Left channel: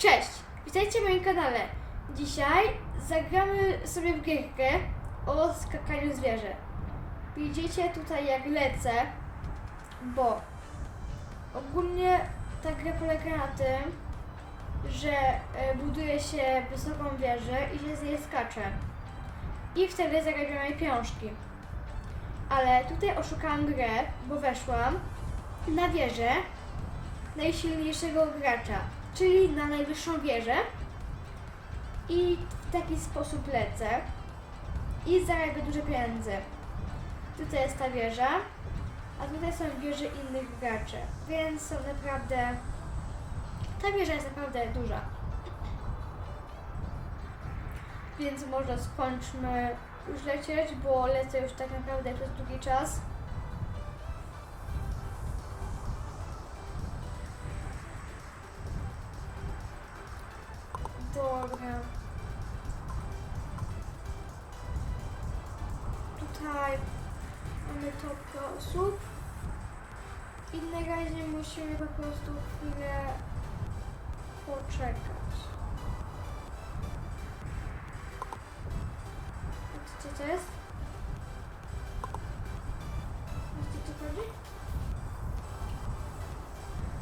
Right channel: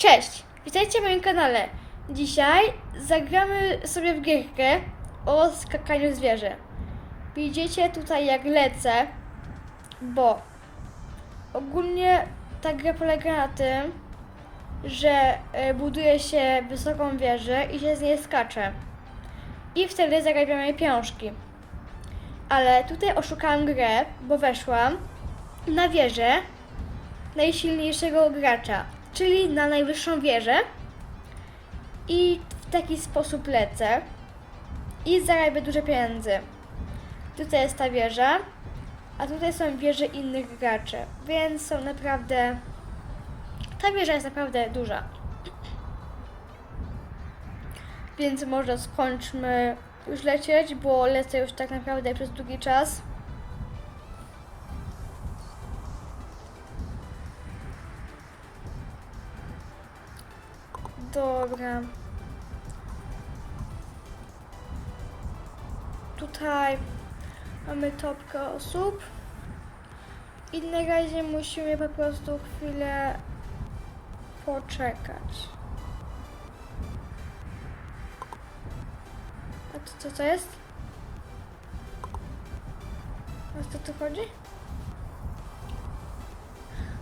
Cześć! Witajcie w moim kanale. Dzisiaj zagramy sobie w gierkę o skakaniu zwierzę. Widzicie tutaj jak lecę, bo ogólnie ta gra polega na tym, że e, buduje się wysoką wieżę i się z niej skacze. I wtedy zarabiamy pieniążki. Ale tutaj oszukałam grę, bo weszłam na wieżę najsilniejszego gracza, czyli na najwyższą wieżę i w taki sposób lecę i zarabię dużo pieniędzy. Tutaj jest ta wieża, a tutaj są wieże innych graczy, więc są naprawdę... Ta wieża jest naprawdę duża. Więc może skończmy już lecieć, bo lecę już tak naprawdę przez długi czas. Dobra. Tutaj mamy topkę osób. I na razie musimy po prostu chwilę poczekać. A to co to jest? O co chodzi?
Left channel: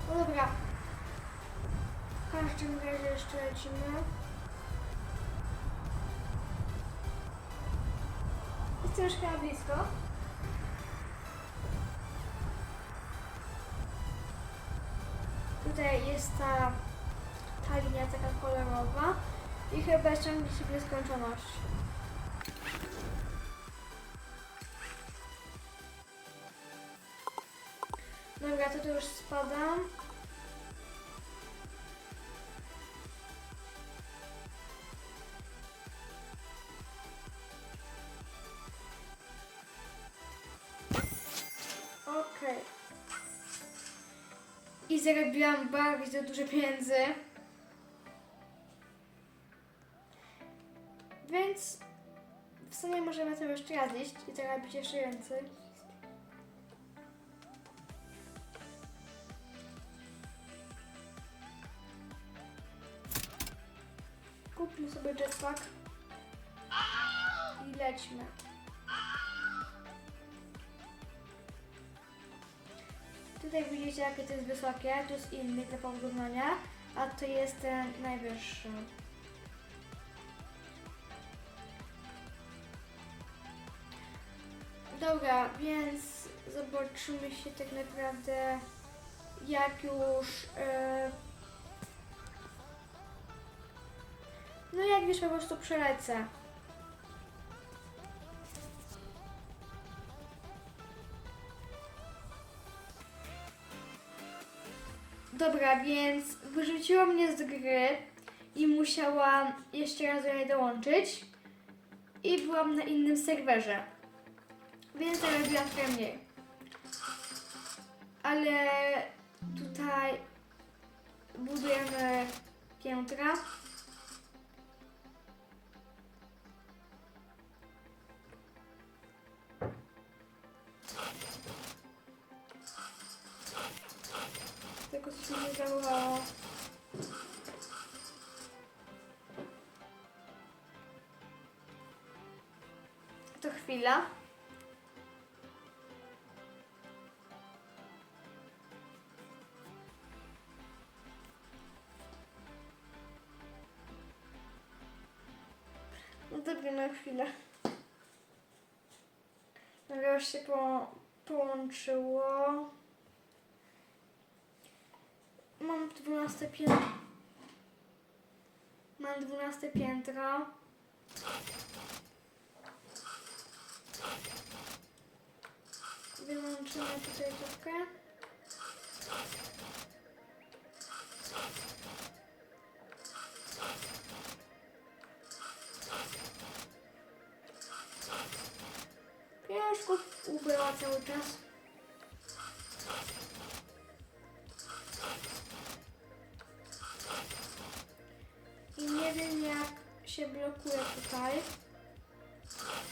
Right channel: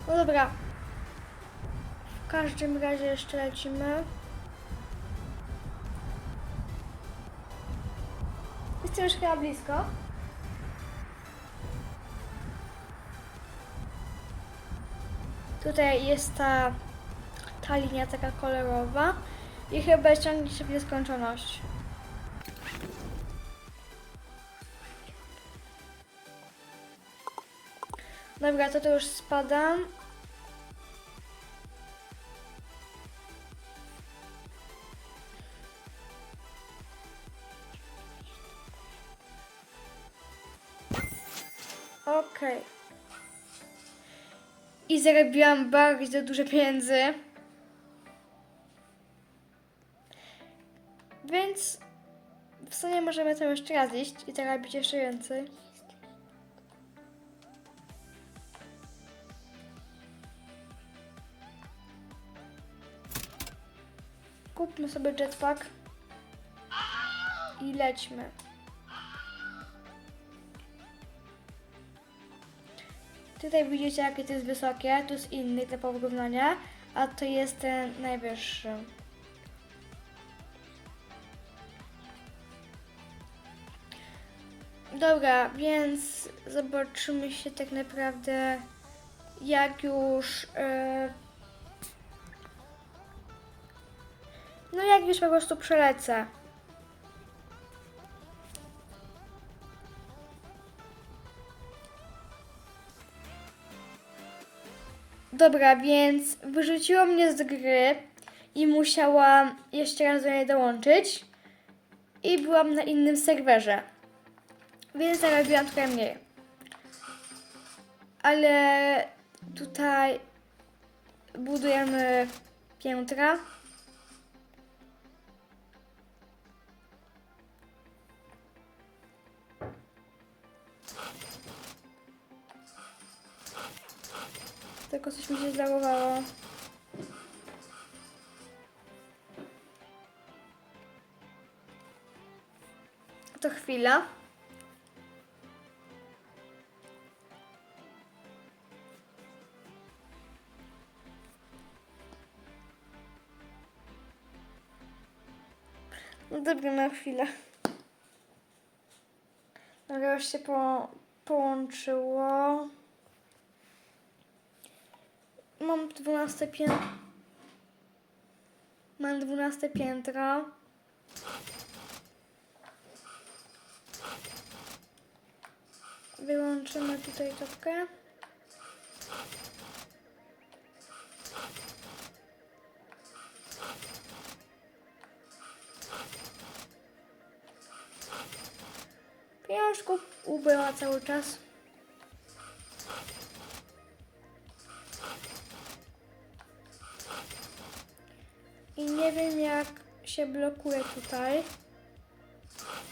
No dobra. W każdym razie jeszcze lecimy. Jestem już chyba blisko. Tutaj jest ta, ta linia taka kolorowa i chyba ciągnie się w nieskończoność. Dobra, to to już spadam. I zarobiłam bardzo dużo pieniędzy. Więc w sumie możemy to jeszcze raz iść i zarobić jeszcze więcej. Kupmy sobie jetpack i lećmy. Tutaj widzicie jakie to jest wysokie, tu jest inny typ porównania, a to jest ten najwyższy. Dobra, więc zobaczymy się tak naprawdę jak już e, no jak już po prostu przelecę. Dobra, więc wyrzuciło mnie z gry i musiałam jeszcze raz do niej dołączyć. I byłam na innym serwerze. Więc zarobiłam trochę mniej. Ale tutaj budujemy piętra. Tylko coś mi nie załadowało. To chwila. No dobra, na chwilę. Dobra, już się po, połączyło. Mam 12 piętro. Mam 12 piętro. Wyłączymy tutaj topkę. Pieniążków ubyła cały czas. Nie wiem jak się blokuje tutaj,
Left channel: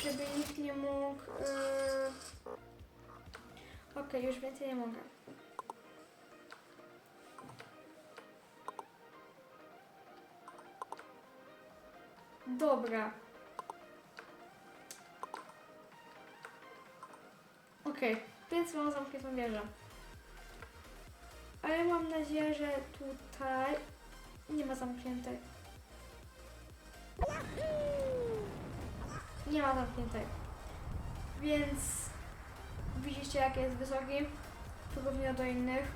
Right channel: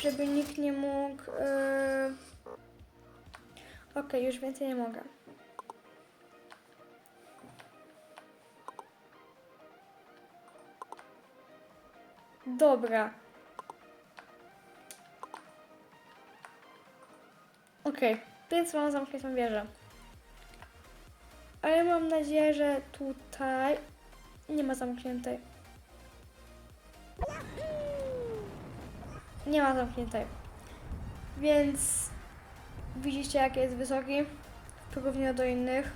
żeby nikt nie mógł... Yy... Okej, już więcej nie mogę. Dobra. Okej, więc mam zamkniętą wieżę. Ale mam nadzieję, że tutaj nie ma zamkniętej. Nie ma zamkniętej. Więc widzicie, jak jest wysoki w porównaniu do innych.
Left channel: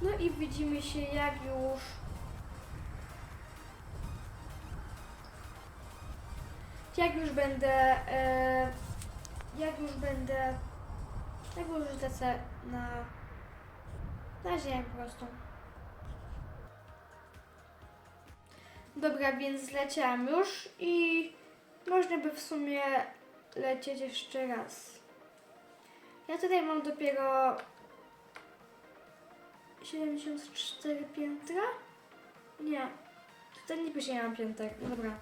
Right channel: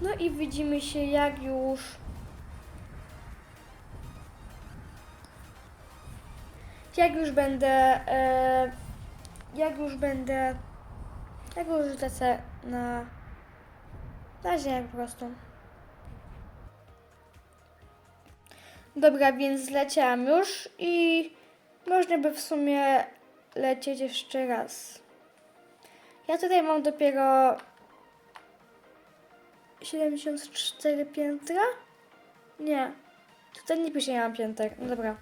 No i widzimy się, jak już jak już będę e, jak już będę jak już lecę na na ziemię po prostu. Dobra, więc zleciałam już i można by w sumie lecieć jeszcze raz. Ja tutaj mam dopiero 74 piętra? Nie. Tutaj nie pisze, ja mam pięter. No dobra.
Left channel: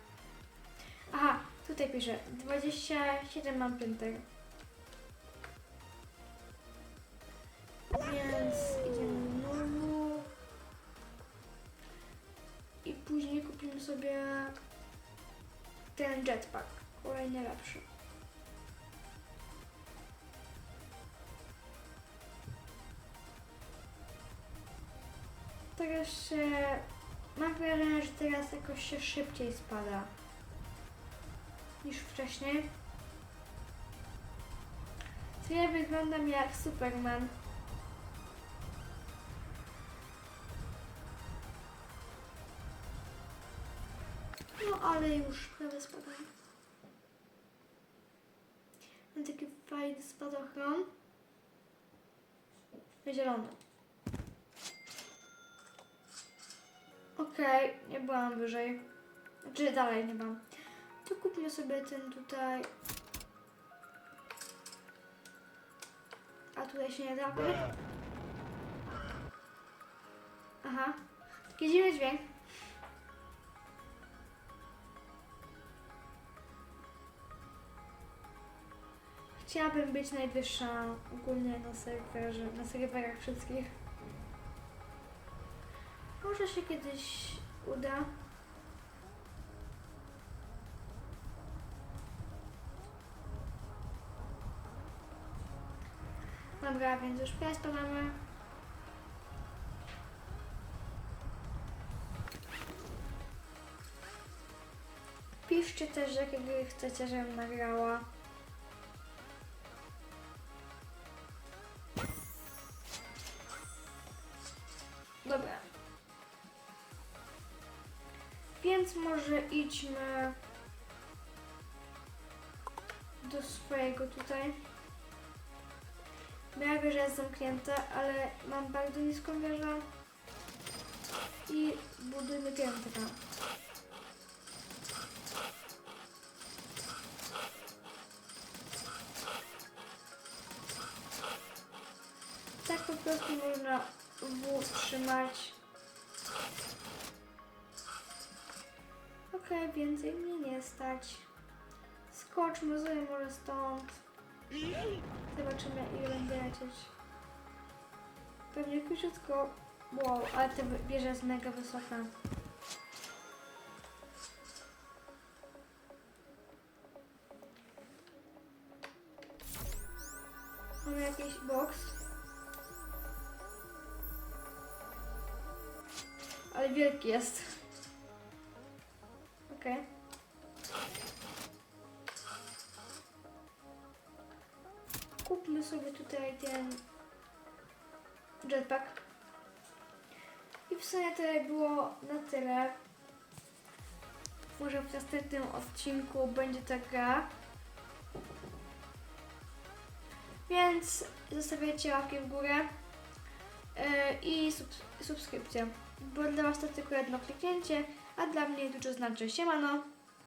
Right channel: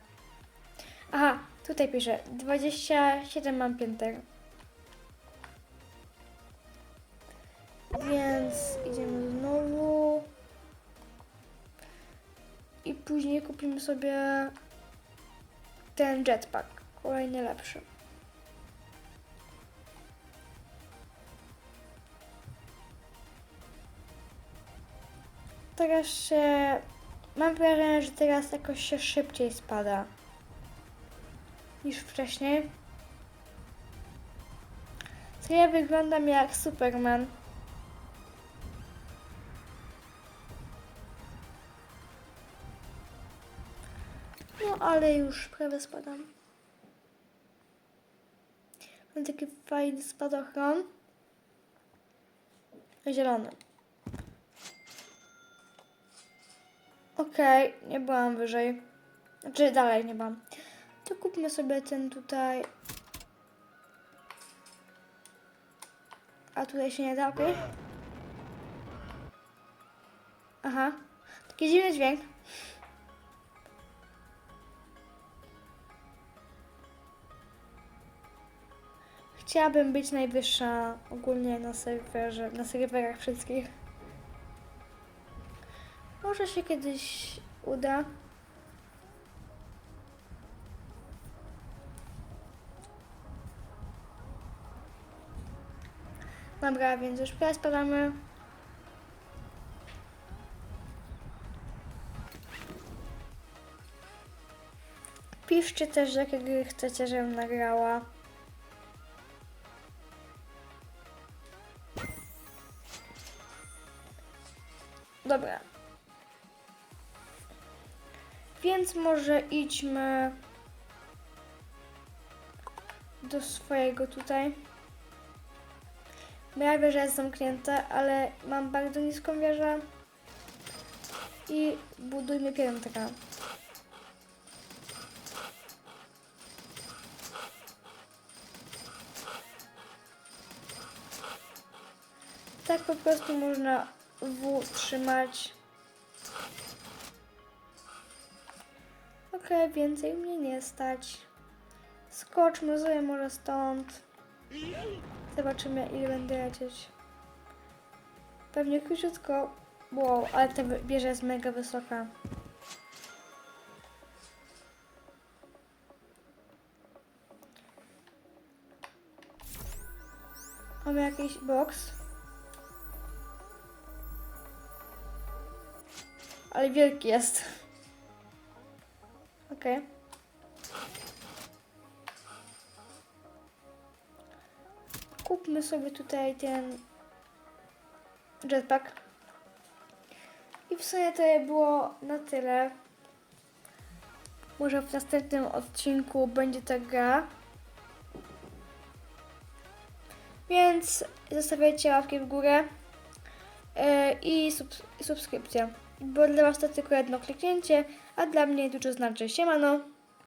Aha, tutaj pisze 27 mam pięter. Później kupimy sobie ten jetpack. Kolejny lepszy. Teraz się... Mam wrażenie, że teraz jakoś się szybciej spada niż wcześniej. To ja wyglądam jak Superman. Ale już prawie spadam. Mam taki fajny spadochron. Zielony. Okej, nie byłam wyżej. Znaczy dalej nie byłam. To kupmy sobie ten tutaj. A tutaj się nie da? Aha. Taki dziwny dźwięk. Chciałabym być najwyższa ogólnie na serwerze, na serwerach wszystkich. Może się kiedyś uda. Dobra, więc już teraz spadamy. Piszcie też, jakie gry chcecie, żebym nagrała. Może idźmy do swojego tutaj. Moja wieża jest zamknięta, ale mam bardzo niską wieżę. I budujmy piętra. Tak po prostu można W trzymać. Więcej mnie nie stać. Skoczmy sobie może stąd. Zobaczymy ile będę lecieć. Pewnie króciutko. Wow, ale ta wieża jest mega wysoka. Mamy jakiś boks. Ale wielki jest. Okej. Kupmy sobie tutaj ten jetpack. I w sumie to było na tyle. Może w następnym odcinku będzie ta gra. Więc zostawiajcie łapki w górę yy, i subs- subskrypcję. Bo dla Was to tylko jedno kliknięcie, a dla mnie dużo znaczy. Siemano!